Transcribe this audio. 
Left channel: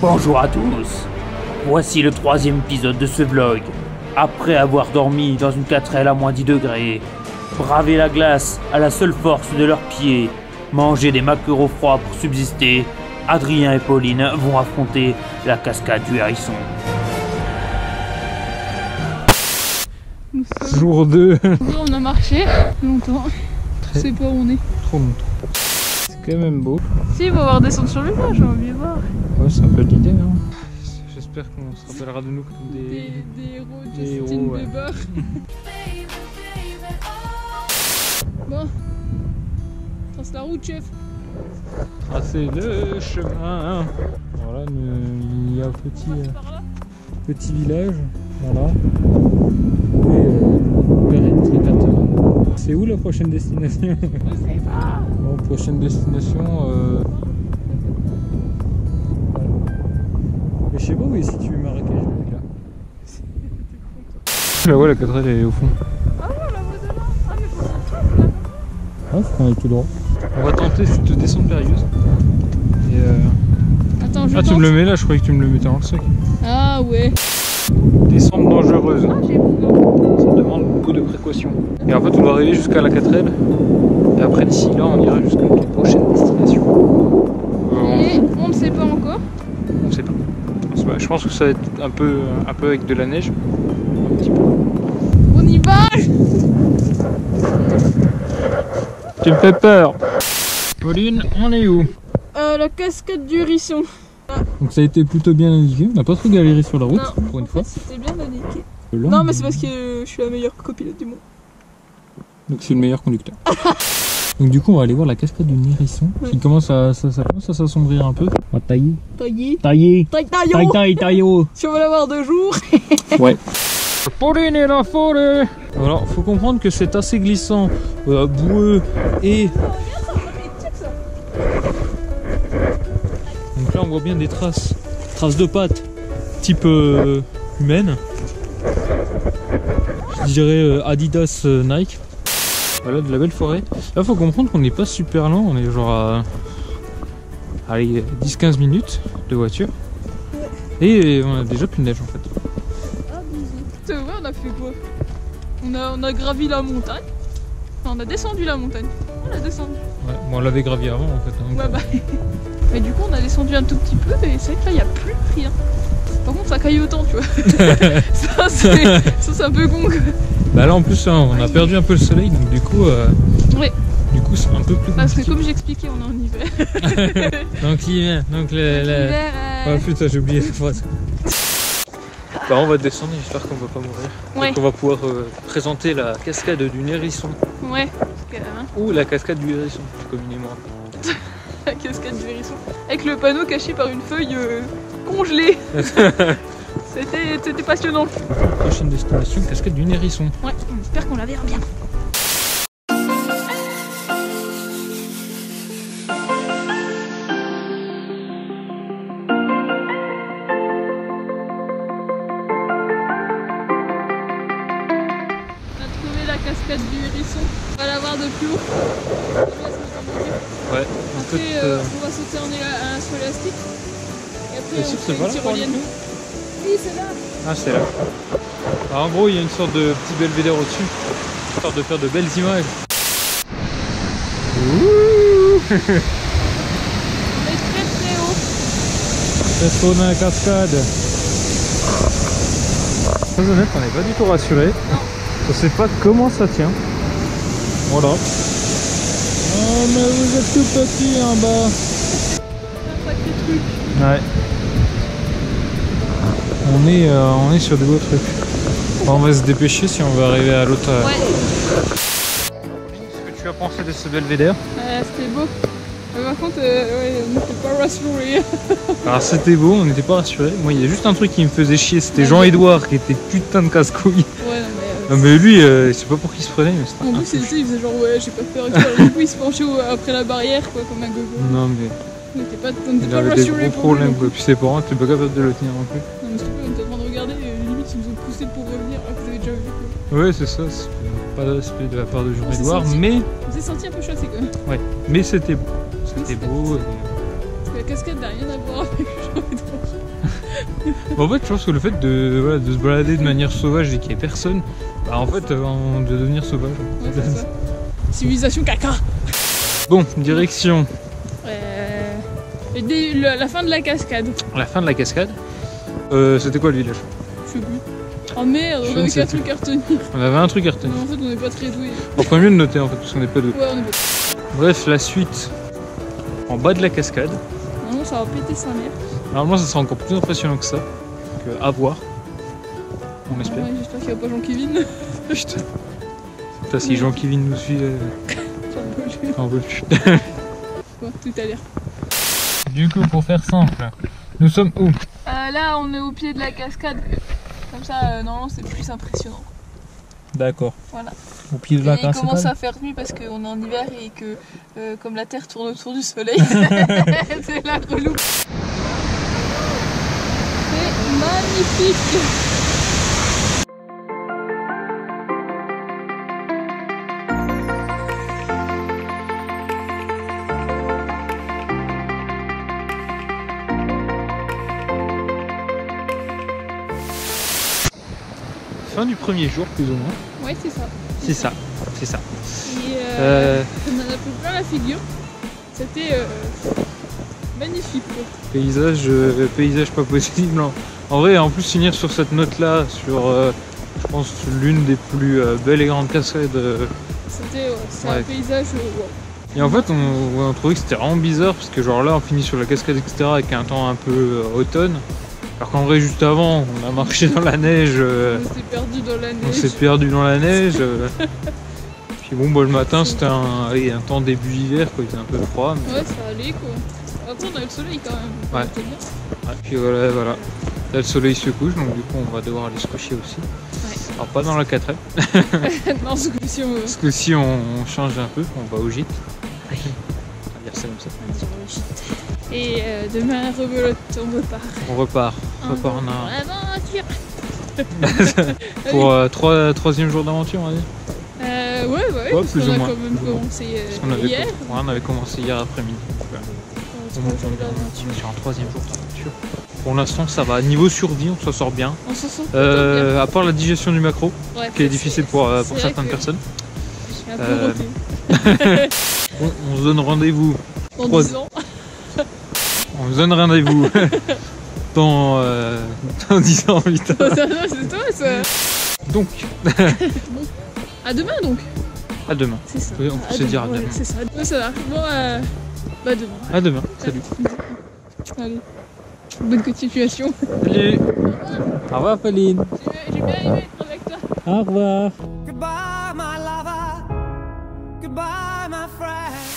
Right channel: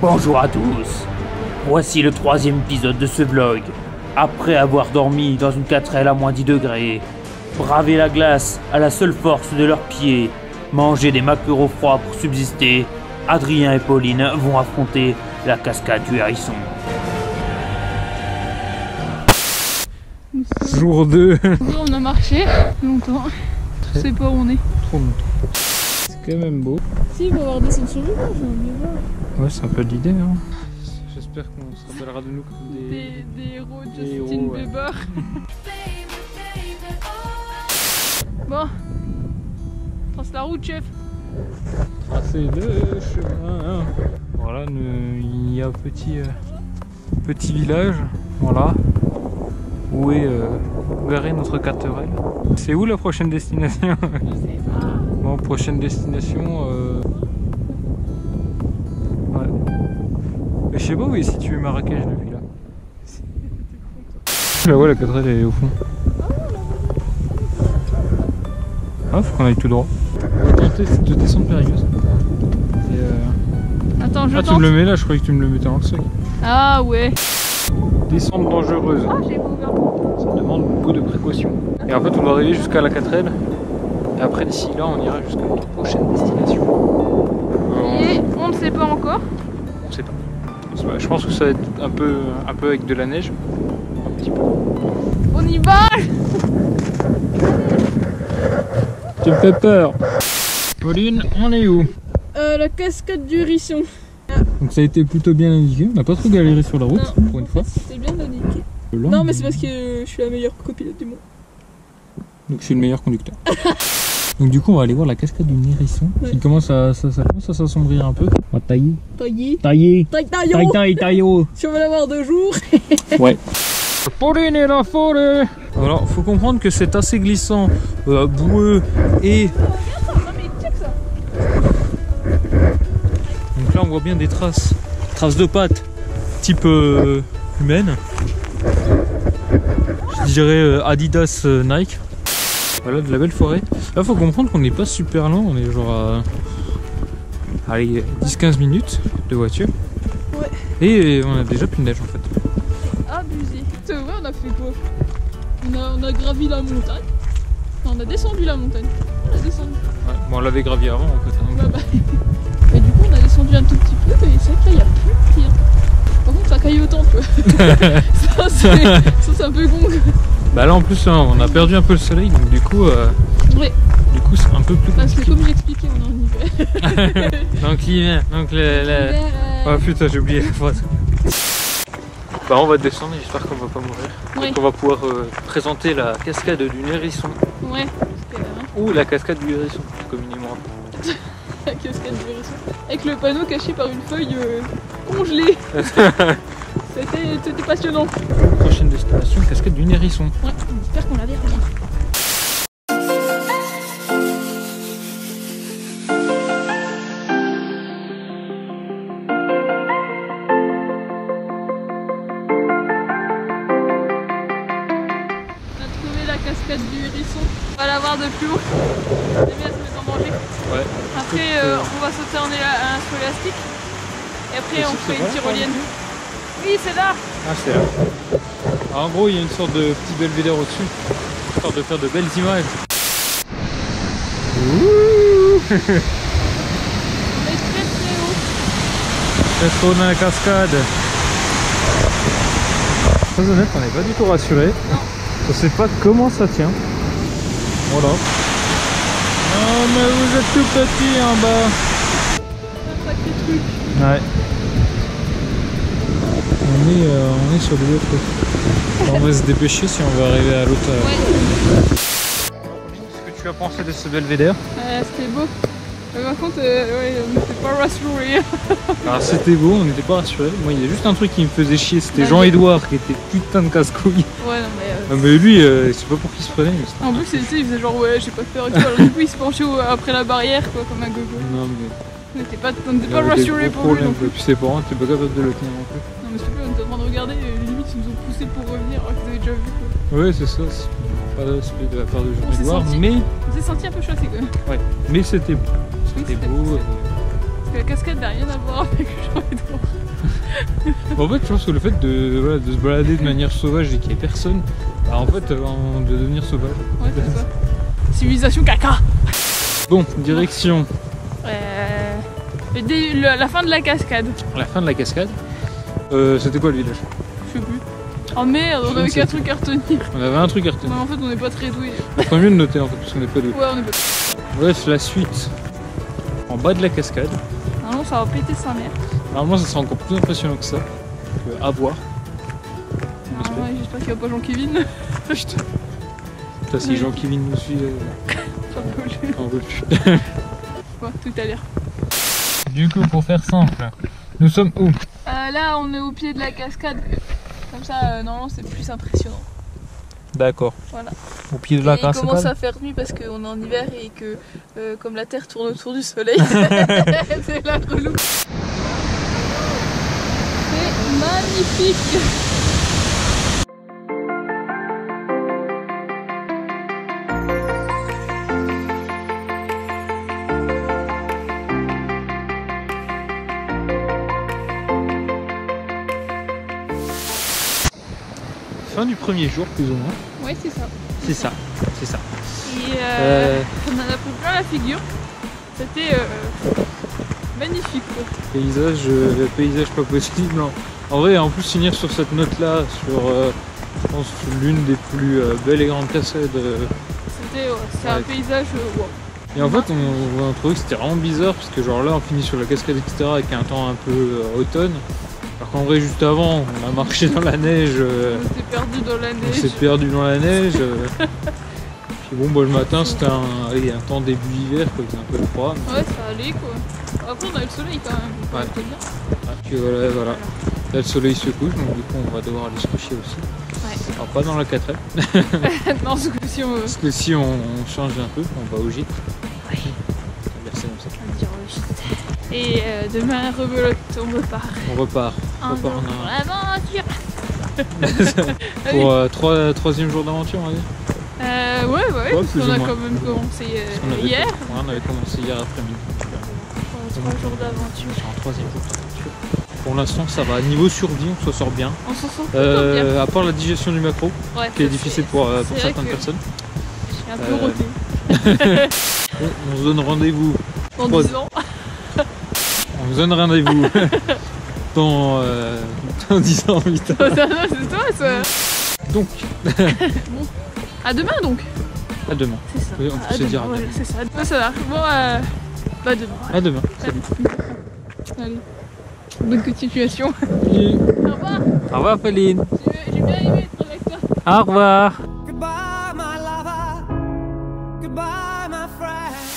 Bonjour à tous. Voici le 3e épisode de ce vlog. Après avoir dormi dans une 4L à moins 10 degrés, bravé la glace à la seule force de leurs pieds, manger des maquereaux froids pour subsister, Adrien et Pauline vont affronter la cascade du Hérisson. Jour 2. On a marché longtemps. Je sais pas où on est. Trop longtemps. C'est quand même beau. Si, il va voir descendre sur le village, on va bien voir. Ouais, c'est un peu l'idée. Hein. J'espère qu'on se rappellera de nous comme Des héros, des Justin héros, ouais. Bieber. Bon. Trace la route, chef. Tracer le chemin. Voilà, il y a un petit village. Voilà. Où est notre 4L. C'est où la prochaine destination? Je sais pas. Bon, prochaine destination. Ouais. Mais je sais pas où est situé Marrakech depuis là. Là, ouais, la 4L elle est au fond. Ah ouais, la voie de là. Ah, mais faut qu'on trace là. Ah, faut qu'on aille tout droit. On va tenter de descendre périlleuse. Et Attends, je Ah, tente. tu me le mets là, je croyais que tu me le mettais dans le sac. Ah ouais. Descente dangereuse. Ah, j'ai pas ouvert. Ça demande beaucoup de précautions. Et en fait, on va arriver jusqu'à la 4L. Et après, d'ici là, on ira jusqu'à notre prochaine destination. Et on ne sait pas encore. On sait pas. Je pense que ça va être un peu avec de la neige. Un petit peu. On y va. Tu me fais peur. Pauline, on est où? La cascade du Hérisson. Donc ça a été plutôt bien indiqué. On n'a pas trop galéré sur la route, Non, pour une fois. C'était bien indiqué. Là, Non, mais c'est parce que je suis la meilleure copilote du monde. Donc je suis le meilleur conducteur. Donc du coup, on va aller voir la cascade du Hérisson. Ouais. Qui commence à s'assombrir un peu. On va tailler. Taillé. Taillot. Si on veut l'avoir 2 jours. Ouais. Pauline et la forêt. Alors, faut comprendre que c'est assez glissant, boueux et... Regarde ça, non mais check ça. Donc là, on voit bien des traces de pattes, type humaine. Je dirais Adidas, Nike. Voilà, de la belle forêt. Là, faut comprendre qu'on n'est pas super lent, on est genre à... Allez, 10-15 minutes de voiture. Ouais. Et on a déjà plus de neige en fait. Abusé. C'est vrai, on a fait quoi? On a gravi la montagne. Non, on a descendu la montagne. On a descendu. Ouais, bon, on l'avait gravi avant en fait. Hein, Ouais, bah. Et du coup, on a descendu un tout petit peu, et c'est vrai que là, il n'y a plus rien. Par contre, ça caille autant, tu vois. ça, c'est un peu con, quoi. Bah là en plus, hein, on a perdu un peu le soleil, donc du coup, Ouais. c'est un peu plus Parce que compliqué. comme j'expliquais, on est en hiver. Donc l'hiver, donc L'hiver, Oh putain, j'ai oublié la phrase. Bah on va descendre, j'espère qu'on va pas mourir. Ouais. Donc on va pouvoir présenter la cascade du Hérisson. Ouais. Parce que, hein, Ou la cascade du Hérisson, plus communément. la cascade du Hérisson. Avec le panneau caché par une feuille congelée. C'était passionnant. Du coup, prochaine destination, cascade du Hérisson. Ouais, on espère qu'on la verra bien. On a trouvé la cascade du Hérisson. On va la voir de plus haut. C'est bien, elle se met en danger. Ouais. Après, on va sauter en un saut élastique. Et après, Et on c'est fait pas une là, tyrolienne. par Oui, c'est là. Ah c'est là. Alors, en gros, il y a une sorte de petit belvédère au-dessus, histoire de faire de belles images. On est très très haut. C'est trop dans la cascade. Très honnête, on n'est pas du tout rassuré. Non. On sait pas comment ça tient. Voilà. Oh mais vous êtes tout petit en bas. C'est un sacré truc. Ouais. On est sur des beaux trucs. Bon, on va se dépêcher si on veut arriver à l'autre. Ouais. Qu'est-ce que tu as pensé de ce belvédère? C'était beau. Par contre, ouais, on n'était pas rassurés. Alors c'était beau, on n'était pas rassurés. Moi il y a juste un truc qui me faisait chier, c'était Ouais. Jean-Edouard qui était putain de casse-couille. Ouais, non, mais. Non mais lui, je sais pas pour qui il se prenait, mais c'était En un plus, peu il faisait genre, ouais, j'ai pas peur et tout. Alors, du coup, il se penchait après la barrière, quoi, comme un gogo. Non mais On n'était pas il pas avait des rassurés gros pour lui. problèmes Non, quoi. Puis ses parents, t'es pas capable de le tenir non plus. mais s'il te plaît, on était en train de regarder, et limite, ils nous ont poussé pour revenir alors qu'ils avaient déjà vu, quoi. Ouais c'est ça, c'est pas de respect de la part de s'est Jean-Edouard, senti- mais On s'est senti un peu chassé, quand même. mais c'était beau. Oui, C'était c'était beau. Parce que la cascade n'a rien à voir avec Jean-Edouard. En fait, je pense que le fait de se balader de manière sauvage et qu'il n'y ait personne, bah en fait, on doit devenir sauvage. Ouais, c'est ça. Civilisation caca. Bon, direction. La fin de la cascade. La fin de la cascade. C'était quoi le village? Je sais plus. Oh merde, on avait 4 trucs à retenir. On avait un truc à retenir. Mais en fait, on n'est pas très doués. On ferait mieux de noter en fait, parce qu'on n'est pas doués. Ouais, on est pas. Bref, la suite. En bas de la cascade. Non, ça va péter sa mère. Normalement, ça sera encore plus impressionnant que ça. Donc, à voir. On espère. Ouais, j'espère qu'il n'y a pas Jean-Kevin. Putain. Putain, si Jean-Kevin nous suit, on veut plus. Bon, tout à l'heure. Du coup, pour faire simple, nous sommes où? Là, on est au pied de la cascade. Comme ça, normalement, c'est plus impressionnant. D'accord. Voilà. Au pied de la Et il cascade. commence à faire nuit parce qu'on est en hiver et que, comme la Terre tourne autour du Soleil, c'est la relou. C'est magnifique. Fin du premier jour, plus ou moins. Ouais, c'est ça. C'est ça, c'est ça. Et on en a pris plein la figure. C'était magnifique quoi. Paysage pas possible. En vrai, en plus finir sur cette note-là, sur je pense l'une des plus belles et grandes cascades. C'était un paysage wow. Et en fait, on trouvait que c'était vraiment bizarre parce que genre là, on finit sur la cascade etc. avec un temps un peu automne. Alors qu'en vrai, juste avant, on a marché dans la neige. On s'est perdu dans la neige. On s'est perdu dans la neige. Puis bon, bah, le matin, c'était un temps début hiver, quoi. Il faisait un peu froid. Mais... Ouais, ça allait quoi. Après, on a eu le soleil quand même. Ouais. C'était bien. Ouais, puis voilà. Là, le soleil se couche, donc du coup, on va devoir aller se coucher aussi. Ouais. Alors, pas dans la 4L. Non, ce coup-ci, on... Parce que si on change un peu, on va au gîte. Ouais. On va dire ça comme ça. On va dire le gîte. Et demain, rebelote, on repart. On repart. En aventure. Pour troisième jour d'aventure, on va dire. Ouais, parce plus qu'on ou a moins. quand même commencé hier. On avait commencé hier après-midi. 3 jours d'aventure. Sur un troisième jour d'aventure. Pour l'instant, ça va. Niveau survie, on s'en sort bien. On s'en sort plutôt bien. À part la digestion du macro, Ouais, qui est difficile pour certaines que personnes. Je suis un peu roté. On se donne rendez-vous. Dans 10 ans. On se donne rendez-vous dans 10 ans, putain. C'est toi ça. Donc. Bon. À demain donc. À demain. C'est ça. Oui, on peut se dire à demain. C'est ça. Ça marche. Bon, bah demain. À demain. Salut. Allez. Bonne continuation. Salut. Au revoir. Au revoir, Pauline. J'ai bien aimé être avec toi. Au revoir. Goodbye, my lover. Goodbye, my friend.